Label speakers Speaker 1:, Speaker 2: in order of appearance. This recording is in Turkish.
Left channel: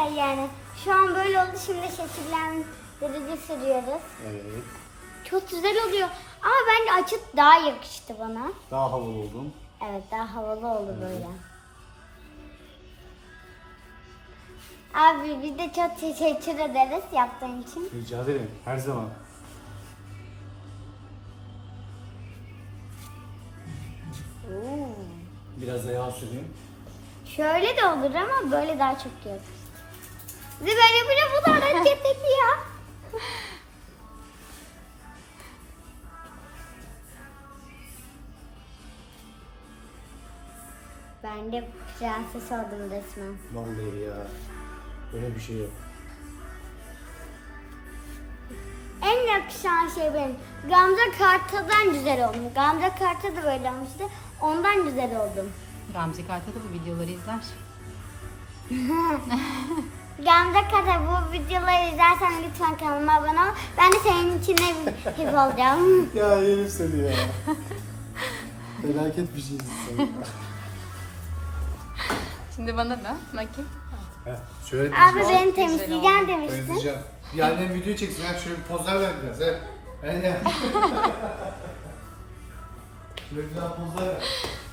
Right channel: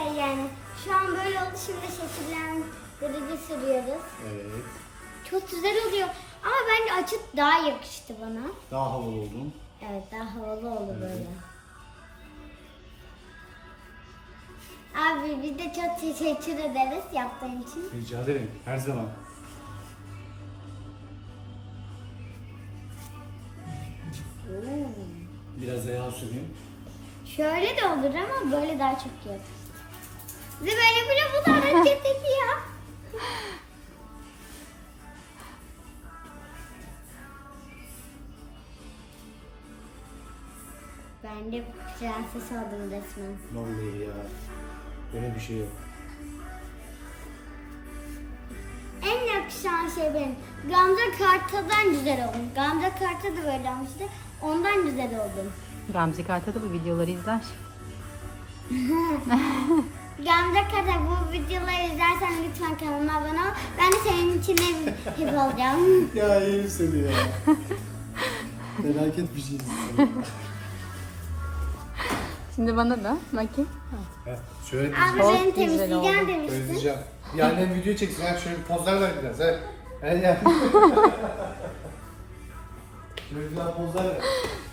Speaker 1: yani. Şu an böyle oldu. Şimdi şekillendirici sürüyoruz.
Speaker 2: Evet.
Speaker 1: Çok güzel oluyor. Ama bence açık daha yakıştı bana.
Speaker 2: Daha havalı oldun.
Speaker 1: Evet, daha havalı oldu böyle. Abi biz de çok teşekkür ederiz yaptığın için.
Speaker 2: Rica ederim. Her zaman.
Speaker 1: Oo.
Speaker 2: Biraz da yağ süreyim.
Speaker 1: Şöyle de olur ama böyle daha çok iyi olur. Bizi böyle bile bu da hareket ediyor. Ben de prenses oldum resmen.
Speaker 2: Vallahi ya. Böyle bir şey yok.
Speaker 1: En yakışan şey benim. Gamze Kartal'dan güzel oldum. Gamze Kartal da böyle olmuştu. Ondan güzel oldum.
Speaker 3: Gamze Kartal da bu videoları izler.
Speaker 1: Gamze Kartal bu videoları izlersen lütfen kanalıma abone ol. Ben de senin için hep olacağım.
Speaker 2: Ya yerim seni ya. Felaket bir şeysin sen.
Speaker 3: Şimdi bana da bakayım.
Speaker 2: Şöyle
Speaker 1: Abi
Speaker 2: dizeceğim.
Speaker 1: beni temizleyeceğim demiştin.
Speaker 2: Dizeceğim. Yani video çeksin. Ha, şöyle bir pozlar ver biraz. He. He ya. Şöyle güzel pozlar ver.